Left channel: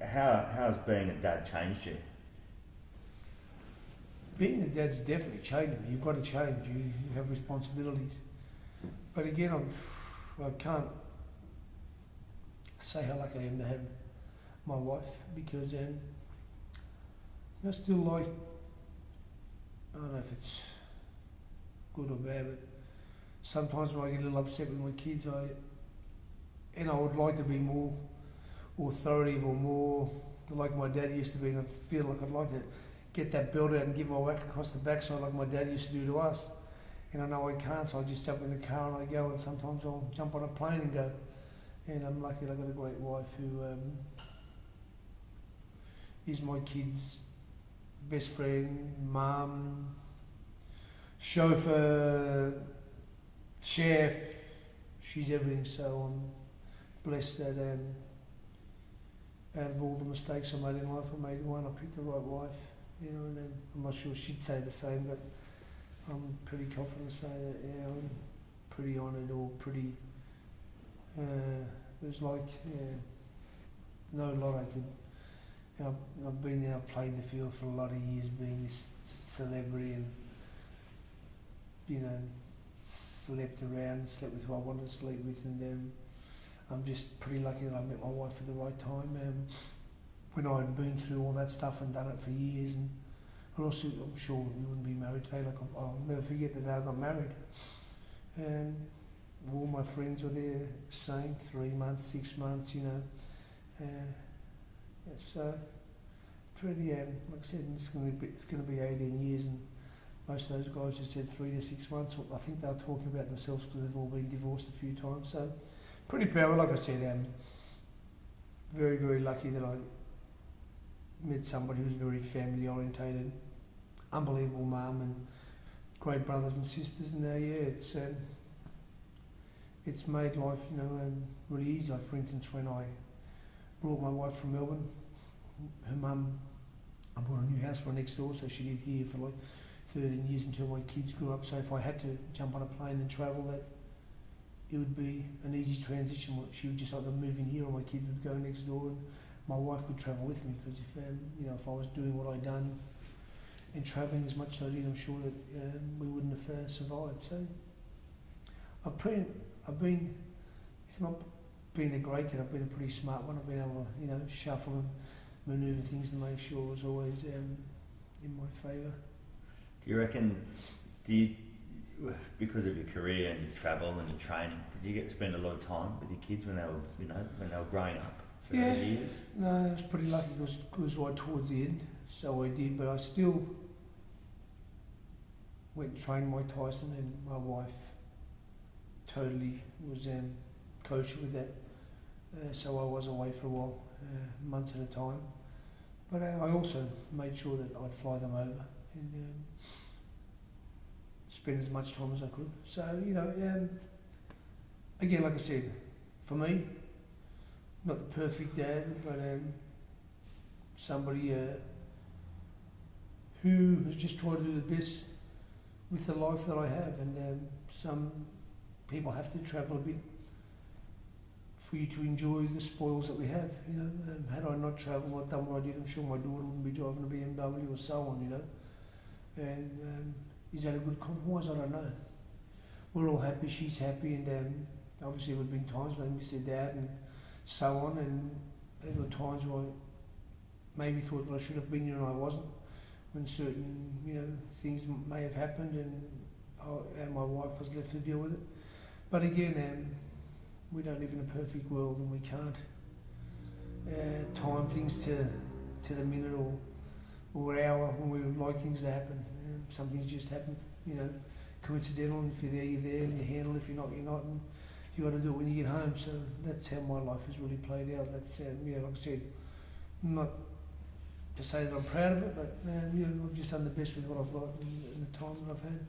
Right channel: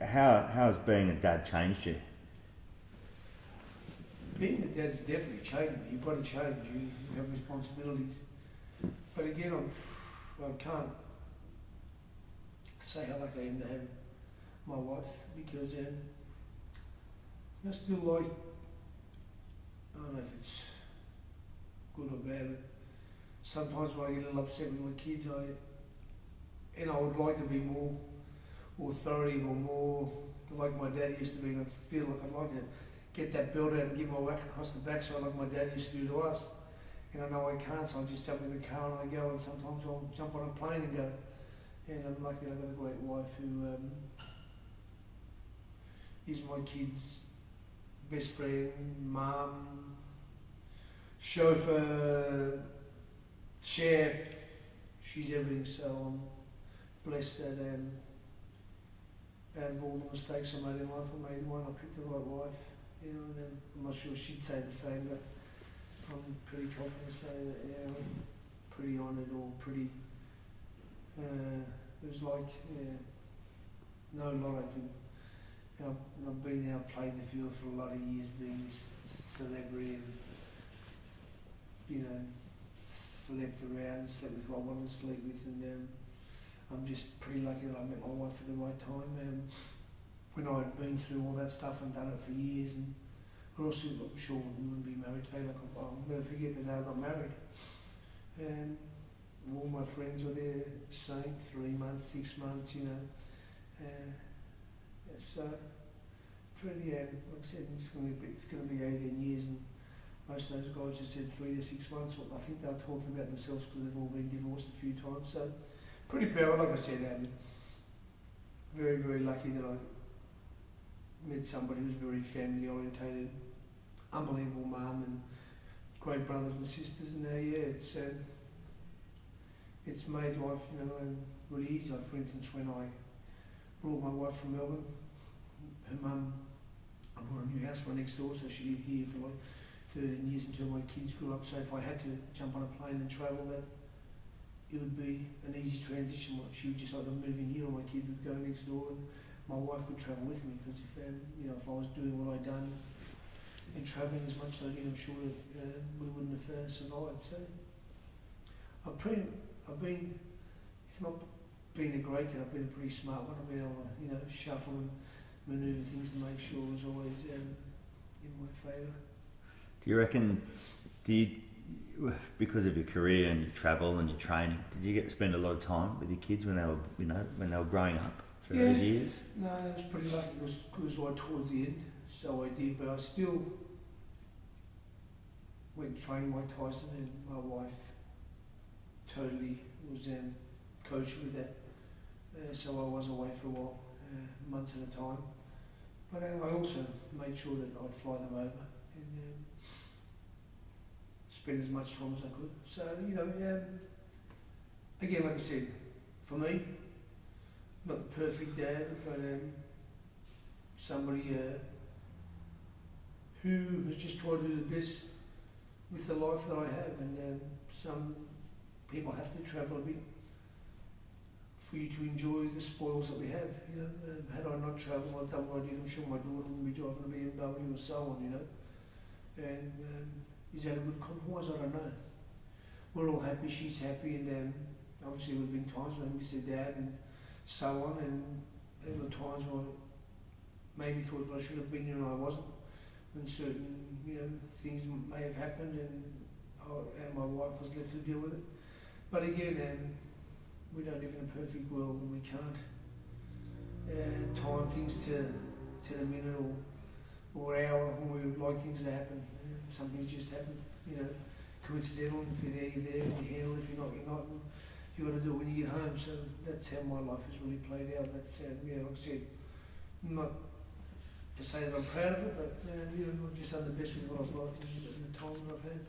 How has being a dad changed you? Being a dad's definitely changed me. You've got to change. You have responsibilities. But again, I can't say how lucky I am to have my wife because I still like, I don't know if it's good or bad, but sometimes when I get a little upset with my kids, I would like to be more authoritative or more like my dad used to be, and I feel like I'd like to get that belt out and give my whack across the backside like my dad used to do to us. And I know I can't, so I just jump in the car and I go, and sometimes I'll jump on a plane and go. And I'm lucky that I've got a great wife who is my kids' best friend, mum, chauffeur, chef. She's everything, so I'm blessed that out of all the mistakes I made in life, I made one. I picked the right wife, you know, and I'm not sure she'd say the same, but I'm pretty confident to say that, yeah, I'm pretty honoured or pretty, it was like, yeah, no lot I could, you know, I've been there, I've played the field for a lot of years being this celebrity and, you know, slept around, slept with who I wanted to sleep with, and I'm just pretty lucky that I met my wife at the right time. When I had been through all that stuff and done it for years, and or else I'm sure we wouldn't be married today. Like I'll never forget the day I got married. And all my friends were there saying 3 months, 6 months, you know. Yeah, so pretty, like I said, it's going to be 18 years, and most of those guys just said 3 to 6 months. Well, I think they're talking about themselves because they've all been divorced a few times. So pretty proud. Like I said, very, very lucky that I met somebody who's very family orientated, unbelievable mum and great brothers and sisters. And yeah, it's made life, you know, really easy. Like for instance, when I brought my wife from Melbourne, her mum, I bought a new house for her next door, so she lived here for like 13 years until my kids grew up. So if I had to jump on a plane and travel, that it would be an easy transition. She would just either move in here or my kids would go next door, and my wife would travel with me, because if you know, if I was doing what I'd done and travelling as much as I did, I'm sure that we wouldn't have survived. So I've been, if not being a great dad, I've been a pretty smart one. I've been able to, you know, shuffle and manoeuvre things to make sure it was always in my favour. Do you reckon, because of your career and your travel and your training, did you get to spend a lot of time with your kids when they were, you know, when they were growing up through those years? No, I was pretty lucky. It was right towards the end, so I did. But I still went and trained Mike Tyson, and my wife totally was kosher with that. So I was away for a while, months at a time. But I also made sure that I'd fly them over and spend as much time as I could. So, you know, again, like I said, for me, not the perfect dad, but somebody who has just tried to do the best with the life that I have. And some people have to travel a bit for you to enjoy the spoils that we have. You know, had I not travelled, I'd done what I did, I'm sure my daughter wouldn't be driving a BMW or so on. You know, and is that a good compromise? I don't know. We're all happy, she's happy, and obviously there have been times when I miss their dad and so on, and there were times where I maybe thought that I should have been here and I wasn't, when certain, you know, things may have happened, and my wife was left to deal with it. But again, we don't live in a perfect world, and we can't time things to the minute or hour when we would like things to happen. Some things just happen, you know, coincidental, and if you're there, you're there, and you handle it. If you're not, you're not, and you got to do it when you get home. So that's how my life has really played out. That's, yeah, like I said, not to say that I'm proud of it, but you know, I've just done the best with what I've got in the time that I've had.